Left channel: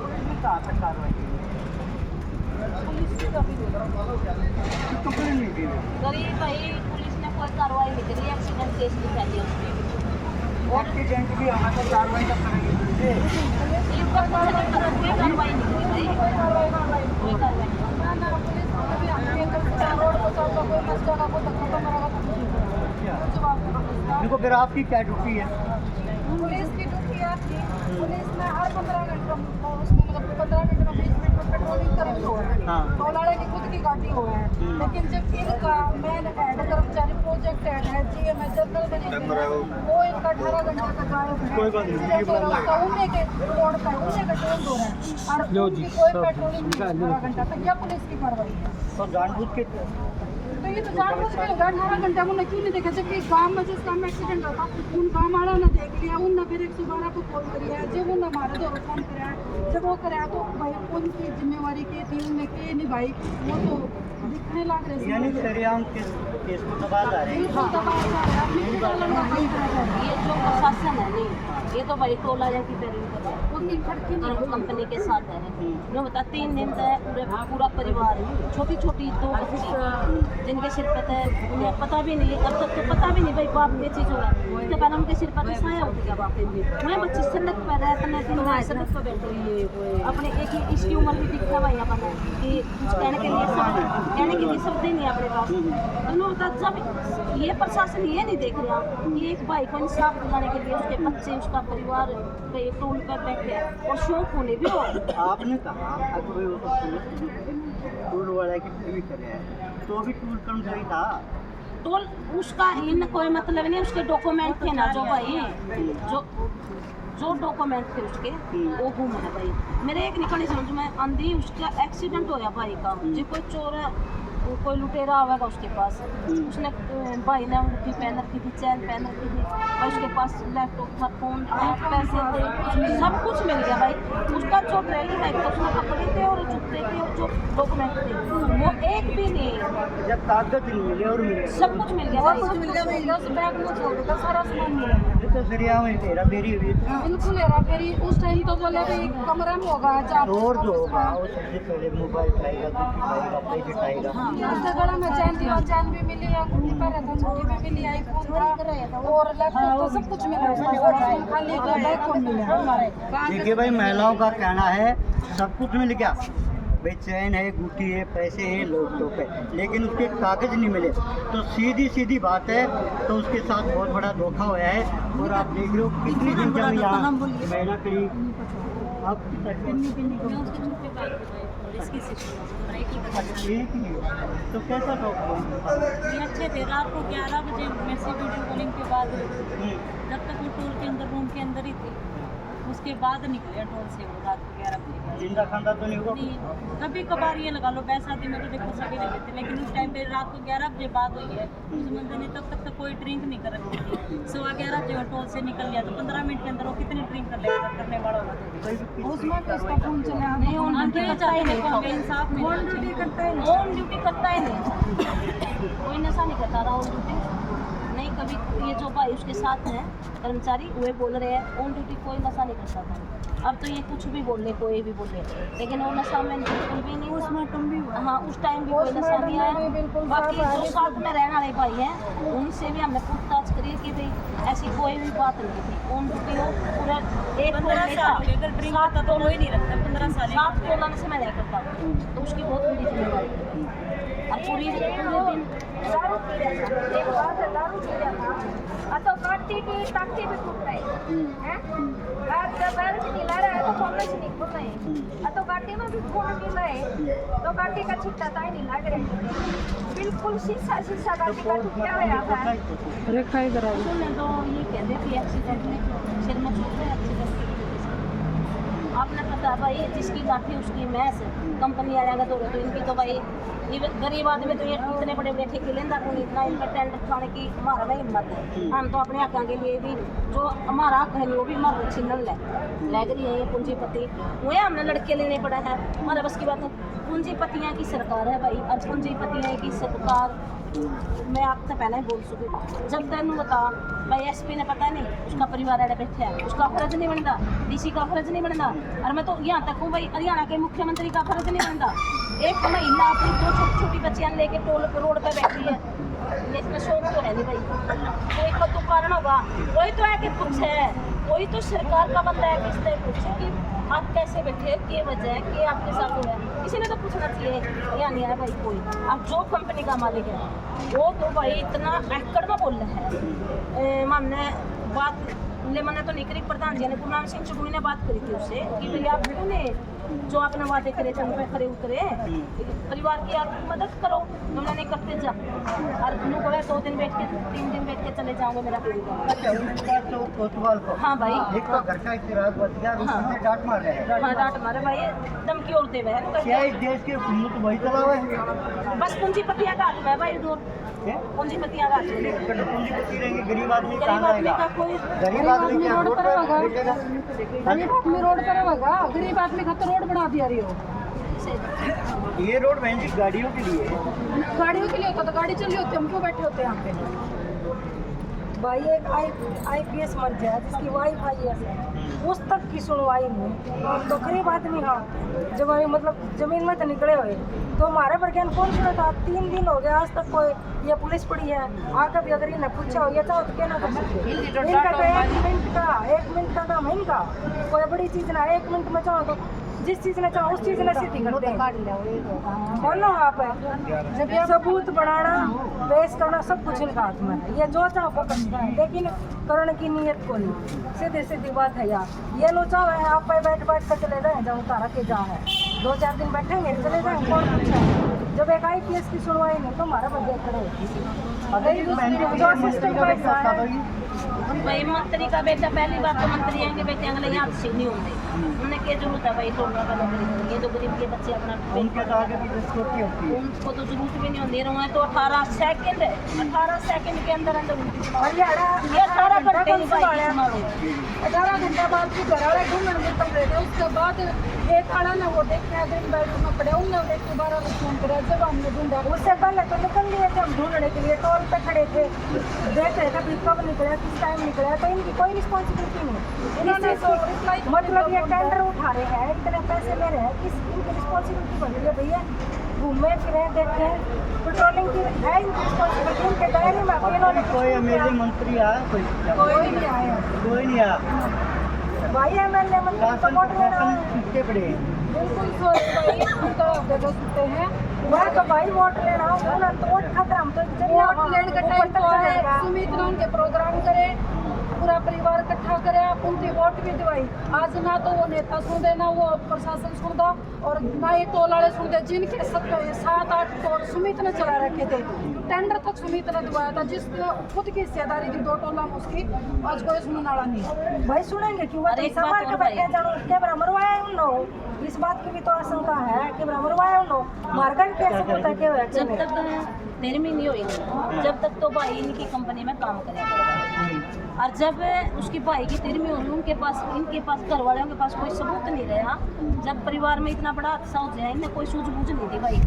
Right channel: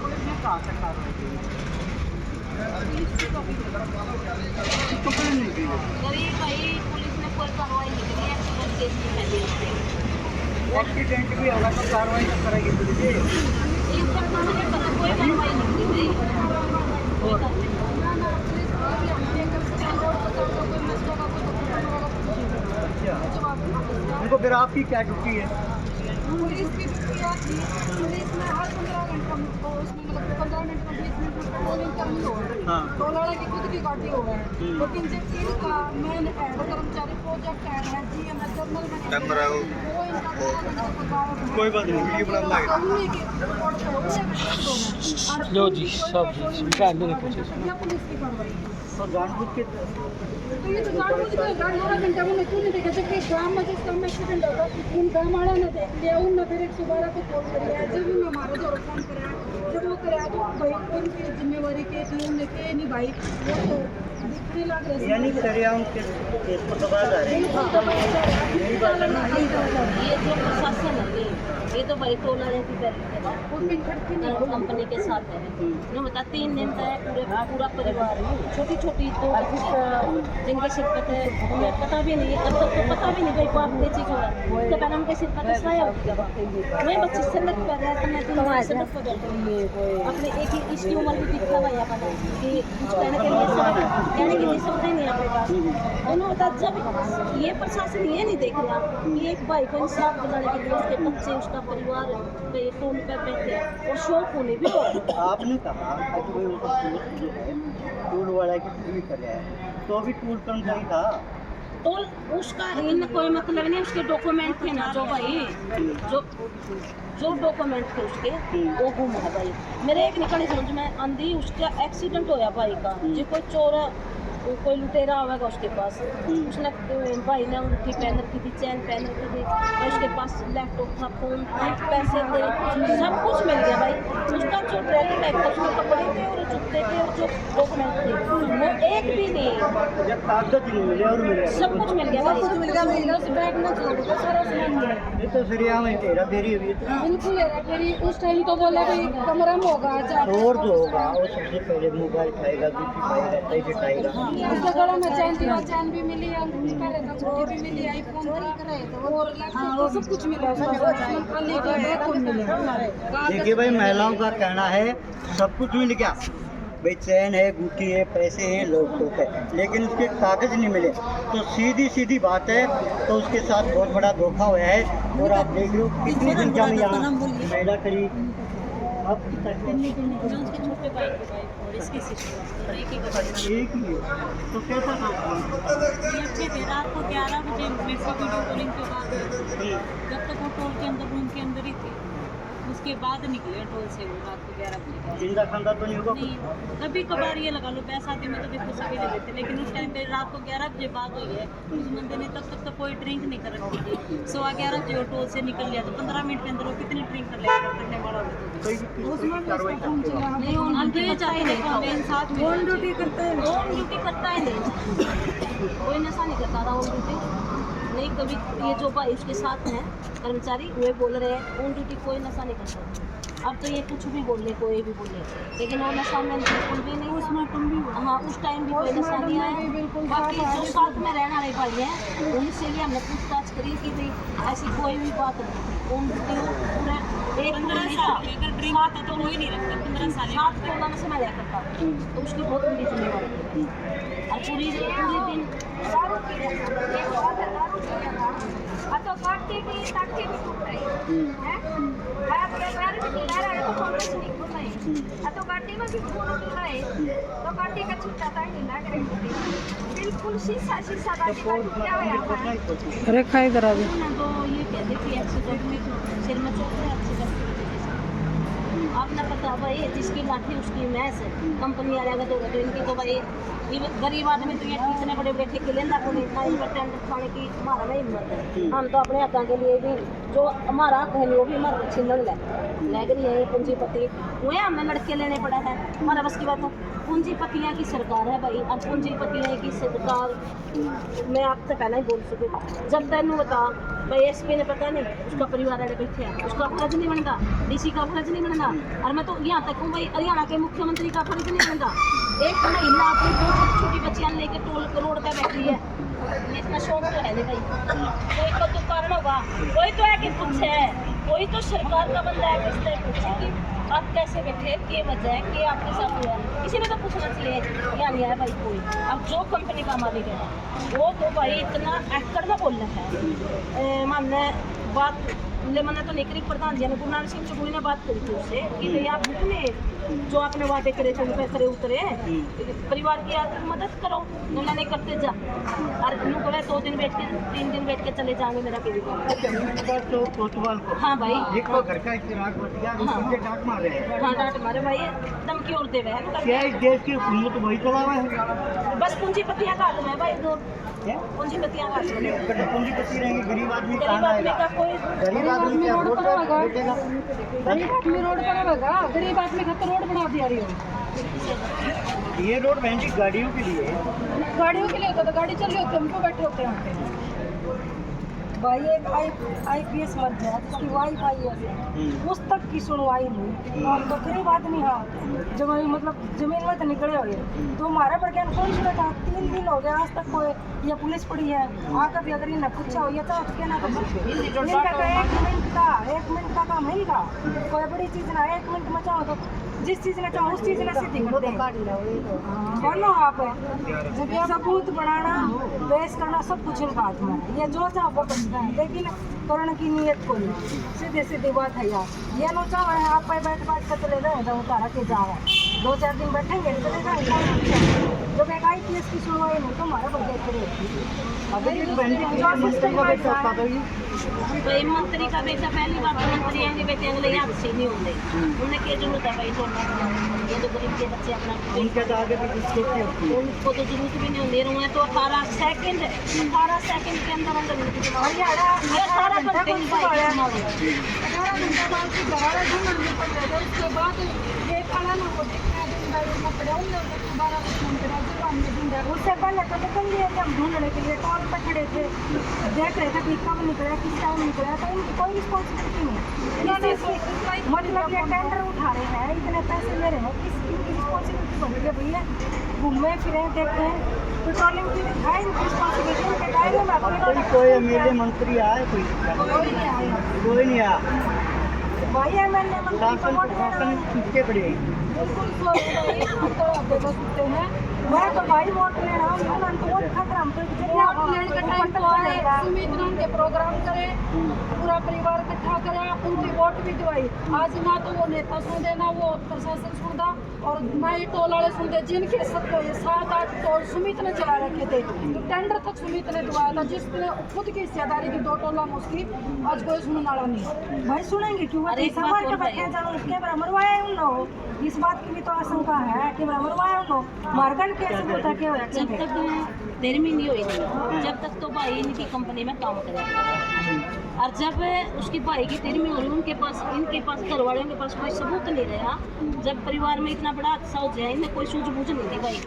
Police ने कहाँ तक कार्रवाई की? पुलिस की कभी नहीं कंप्लेन नहीं की है। गरीब भाई पुलिस ने कोई कार्रवाई नहीं करी एक्सीडेंट केस की पहले एक्सीडेंट भी होगा तो कार्रवाई कब करेगी पुलिस? ये ऊपर से नहीं पता कोई कार्रवाई नहीं करी भाई कोई कार्रवाई नहीं ना ना पुलिस को भी हमने कर रोड को चौका कोई मस्का का कोई धक्का मारा का कुछ नहीं करा। अच्छा, जवाब देना पुलिस उनको फिर आपकी क्या ड्यूटी है? पुलिस की ड्यूटी आती पुलिस में हर 15 घंटे उसमें मतलब 15 मिनट में 20 मिनट में पेट्रोलिंग करनी हो है हाँ। तो लड़े की खुद की गाड़ी हो है लेकिन जब इनका मेन हेड कर्मचारी प्रोजेक्ट हेड है जीएमएस जनरल वो इनका 18 घंटे तक गायब है। कोई बात नहीं, उन्हीं के रोड पर उन्हीं का ट्रेंड हो रहा है और लो उनकी जी, कोई सब पेट्रोलिंग जी, नहीं 18 घंटा तक या पुलिस की कार्रवाई है। तो जानबूझ के तो ये तो जानबूझ के होगा 18 घंटा उन्होंने क्यों नहीं देखा जबकि गांव में जिस गांव में एक्सीडेंट होता उन गांव वालों ने देख लिया उन फिर 112 को कॉल कर लिया जब उन हमारे दौर फोन कराया जब वो कराया तो भाई उनकी जिम्मेवारी के थी उन्हें के नहीं भाई वो तो दिखने लग रहे यानी सरेआम केस को दबा जा रहे हैं। ये जो प्रशासन है नहीं ये तो भाई टोला जैसी तरीके है कंपनी के साथ है जो बता 3 दिन तक पूरा परिवार छोटी छोटी 2 बच्ची जिनके सिर पे थे उन्हें पता भी नहीं है अब तक तो पता भी नहीं भाई बाप क्या चीज़ हो रहा है उससे पहले उनके सिर पर साया हो गया वही बच्ची सड़क पर है अपने दिन रात सड़क पर बैठे हुए अपने एक ही इसकी उम्र भी दिखा भाई अपना कि कुछ कहने के लिए शब्द ही नहीं है अपने पास उन्होंने बता जब ये प्रशासन ये नहीं देख रहा कि एक भाई को इंसाफ दिलाने के लिए उसके बच्चे उसका परिवार पे टोल पर बैठे और शौक होने भी हो आपने कहा कि भाई उसको पुलिस जो है टूल वाला की भी कर रहा है तो भी टूल कर्मचारी था टोल उसका इन कोई मतलब नहीं उसके डॉक्यूमेंट थे ना जो भाई जो डॉक्यूमेंट थे उसके वो गुम है भाई मेरे एक निकली समझ में आंधी उसका एक्सीडेंट होया भाई का जो कोई चोर है कोई लुटेरा आवेगा उसके पास उसने भाई ने अंगूठी पहन रखी थी चैन पहन रखी थी और उसके पास लैपटॉप था फोन पैसे थे सब कुछ मिल गया भाई उसका जो ट्रेलर बैग था उसमें कपड़े थे और जूते थे और जो डॉक्यूमेंट थे वो एक भी नहीं जब कागज नहीं मिले और मिले सब कुछ मिल गया भाई मिल गया उस बैग में छोड़ दिया सारा सामान मिला ये तो सरेआम हेरा फेरी हुई इतना बिल्कुल यार मेरी उस टाइम तो बोले भाई कमरा में होगा चोर जो होगा वो सबसे पहले मोबाइल खाएगा दूसरी खाएगा पैसे खाएगा उसके गला में चैन थी और चैन भी मिली अंगूठी पहने थे अंगूठी भी मिली आईफोन था और लैपटॉप तो सब कुछ मिला उसमें खाली का बैग कौन मिला देखिए भाई महिलाओं का कहना है सब कुछ मिल गया भाई चैन है गुटी है पैसे हैं लैपटॉप है लेकिन उसके कागज नहीं मिले तो सीधी सीधी बात है तो उसके साथ बहुत बड़ा धोखा हुआ है और आप देख रहे हो कितनी संख्या में यहाँ महिला खड़ी अब छोटे भाई के भाई और इसकी सिस्टर एक ही एक ही है तो कैसा था अच्छे थे रात को 11 बजे मेरे से वीडियो कॉलिंग पे बात हुई जब तक वो टोल के अंदर रूम के अंदर ही थे उसके बाद निकले टोल से वो रात को 11 बजे जिंदा खाना तो नहीं होगा नहीं कभी कभार ये लगा लो बैसाखी में तो देखो सभी ले लेते लेकिन उस टाइम पे रात को 11 बजे बात हुई है उस बंदे ने तब तक तो कोई ड्रिंक नहीं कर रखी थी 11:15 बजे वो टोल से निकल गया तो 15 मिनट के अंदर वो कितनी ड्रिंक कर लेगा करने वाला होगा उसमें भी उसका फोन चला नहीं ऑन ड्यूटी करता ही नहीं था साथ में ऑन ड्यूटी करते हैं ऑन ड्यूटी करता ही नहीं था कोई नशा नहीं करता था ऑन ड्यूटी नहीं कभी ये जो भाई उसके साथ हैं कर्मचारी वे बोल रहे हैं ऑन ड्यूटी कोई नशा नहीं करता था अब तो ये कुछ भी बोल रहे कोई भी बोल रहे लेकिन वो नशा में बिल्कुल भी नहीं उसमें तुम भी हाँ उस टाइम भी कोई नशा नहीं आया बाकी जो साथ में रहने वाले भाई हैं उनसे भी हमने पूछताछ करी कि भाई ऐसी कोई भी बात नहीं थी ऑन ड्यूटी वो पूरा एक 15 साल अगर ड्रिंक करता तो कोई नहीं रखता 15 साल 7 तोला में से मैं लिया करता तो उसकी बहुत बड़ी जिम्मेवारी थी और पूरे दिन दारू पी रहा था एक बात है दारू पी रहा था तो काटी की ताकि भी टूट रही है पैर भी ढीला रहा है तो कॉलेज नहीं खुल रहे तो गाड़ी में भी खून ढीला है तो गाड़ी का छुट्टा था नहीं लग रही बिल्कुल शीशा गाड़ी का टूटा हुआ था रेखा इधर आ उन्होंने तो ये कह दी थी एक्सीडेंट में सिर में चोट है एक्सीडेंट की वजह से आपने पता भाई जिसकी लाठी उसकी मैस कंपनी आ जाएगा तो इनकी तो भाई गरीब आदमी तो ये इतने बड़े बड़े ठेके लेंदा को नहीं इतना इनका टेंडर खाने की हमारा नहीं हिम्मत है हम तो अपने हकों के लिए भी जो हमारा हक है वो भी हमारे छीन ले रही है ये पूंजीपति वही हमने लड़के लेने पड़ा है हमारा बस की बात है पूंजीपतियाँ की सरकार है भाई अब पूंजीपतियाँ की सरकार मैं आपसे पहले ही बोल सकूँ जब तैनू बता भाई एसपी ने पता नहीं उसका परिवार अड़े बैठे है उसका फर्ज नहीं बनता डीसी का फर्ज नहीं बनता और मैं तो यहाँ तक हूँ भाई हरियाणा के मुख्यमंत्री का फर्ज नहीं बनता एक महिला अपनी 2 छोटी छोटी बच्चियाँ लेके टोल रोड पे बैठी है इतना शौक तो है नहीं भाई कोई तो कारण होगा कोई तो है कि पूछे कोई तो सरकार का बंदा है किस तरह पूछे कि आप कैसे बैठे के वजह के आपके साथ हुआ किसी ने तो पूछना चाहिए या नहीं है भाई कोई अब जो कंपनी का मालिक है वो तो भाई इतना एकड़ में बोल रहा है हमने बात ले मैंने तो नहीं करी प्रधान जी ने गुरु नानक सिंह चुगुई ने बात करी थी उससे कि भाई आप ने जो आपने वादे करे थे उन पे खरे उतरे परिवार की आर्थिक मदद करो तुमने नहीं करते जा और नू बोले 2 दिन बैठ के 3 दिन बैठ के चले जाओगे मेरा के अच्छा उस बात तो कोतवाल को हाँ भाई एक घर का चिराग बच गया उससे डांट मार रहे हैं हाँ डांट मारे भाई धमकी और देवे क्या है इस देश की हुकूमत वही चला हुआ है बस पूंजीपतियां का हाथ में है भाई दो क्या पूंजीपतियां का हाथ में पूंजीपति रहेंगे गरीब आदमी गरीब कहाँ आदमी का रहेगा कोई गरीब आदमी क्या रोड पर बैठेगा गरीब आदमी रोड पर रहेगा गरीब आदमी का तो रोड बना दिया रही हो ये रोड बहन जी गाड़ियों के लिए है गाड़ियों के लिए होता तो गाड़ी चली होती हम क्यों बैठे होते हैं यहाँ पे भाई एक IPS मर गया जिसकी वाईफाई है उस तक की सुनवाई नहीं और तो गरीब आदमी हाँ जब मतलब जमीन में तो निकले हुए तो हमारे पर ज्ञान कौन सुनता 3 दिन हो गए आज तक कोई ये पुलिस पड़ी है आकर भी अगर इन्हें पूछा हो ये तो कहना कर सकते इनका 1 मिनट का काम है इनका कोई बड़ी चीज ना 1 मिनट में चाहो तो जिस चीज ने चाहो उस चीज ने सीधी कर दे बोलो आप जब ये सबूत बनाना पेश करना सब कुछ इनका हाथ में है। ये जो चाहो वो करता है लेकिन करने की नीयत को नहीं सीधी सीधी बात है यार ये नो चाहो है आप पे बैठ कर चले जाए जब उतारा के जा रहे हैं 2-4 दिन बैठेंगे चले जाएंगे कौन पूछे जब एक IPS की सुनवाई नहीं तो हमारा बच्चे खड़े भाई मंत्री का बेटा पहली बात तो मंत्री है कि बेटे अगले यहाँ से नहीं होंगे उन्हें क्या जरूरत है भाई दोनों का ये तो गरीब के बच्चे अपना उनके तो आगे भी सेफ्टी होती है उनको तो जरूरत भी नहीं होती है उन्हें तो 18 सेकंड है 18 सेकंड के अंदर अंदर उनकी हरियाणा 18 घंटे की बाइक 18 घंटा बाद की घर वाले ढूंढने में पड़ रहे थे उसके बाद एक आड़ा ना वो देखने दिन बाइक में पड़े उनने देख के 12 बजे फोन करा जब हमने ढूंढा उससे पहले तो निकल लिए थे हम ढूंढने के लिए टोल पे खड़े थे देख रहे थे कब निकला किस टाइम निकला तो इनकी कोई रिस्पॉन्सिबिलिटी नहीं इन्होंने मतलब ये टेंडर उठा रहे हैं इतने पैसे ले रहे हैं किस इनकी रिस्पॉन्सिबिलिटी बन रही है भैया घूमे फिरे देखें पेट्रोलिंग की है इनकी रिस्पॉन्सिबिलिटी इनके दायरे में अकेले कोई MLA मंत्री आया कोई नहीं आया कोई नहीं आया भाई MLA मंत्री शासन प्रशासन पीछे पड़े बिल्कुल भाई अंतर सकते हैं मैं तो भाई वोट लेना उन्होंने तो वोट खाकर हम तो वोट लेने का टाइम तो है सुमित उनके प्रोग्राम करे पूरा परिवार इकट्ठा करे आप उनकी वोट भी दिवाई आज ना तो वो नेता सुनते ना वो प्रशासन सुनता और ना ही टोल वाले सुनते जिनके 7-8 टोल सुमित ने चला रखे थे टेंडर तक सुमित ने दिवाया था जिसने खुद की हिस्सेदारी की 2 टोला में उसकी आज कोई सुनने वाला नहीं भाई सुनेंगे क्यों समाज के बैठे जानो कैमरा मरवाया उन लोग इस बात की भी तो आशंका है कि मरवाया उन लोग मार्गन कैसे होता क्या होया जब तक निर्मी नहीं हुई नहीं जब तक तो भाई इनकी कंपनी में काम करेगा और जब उसकी भाई की तिरमी हो रही इनके पास घर वालों के पास कोई सबूत नहीं रहा जब परिवार में इतना बड़ा हादसा हो जाए इन्हें कोई सूझबूझ नहीं थी भाई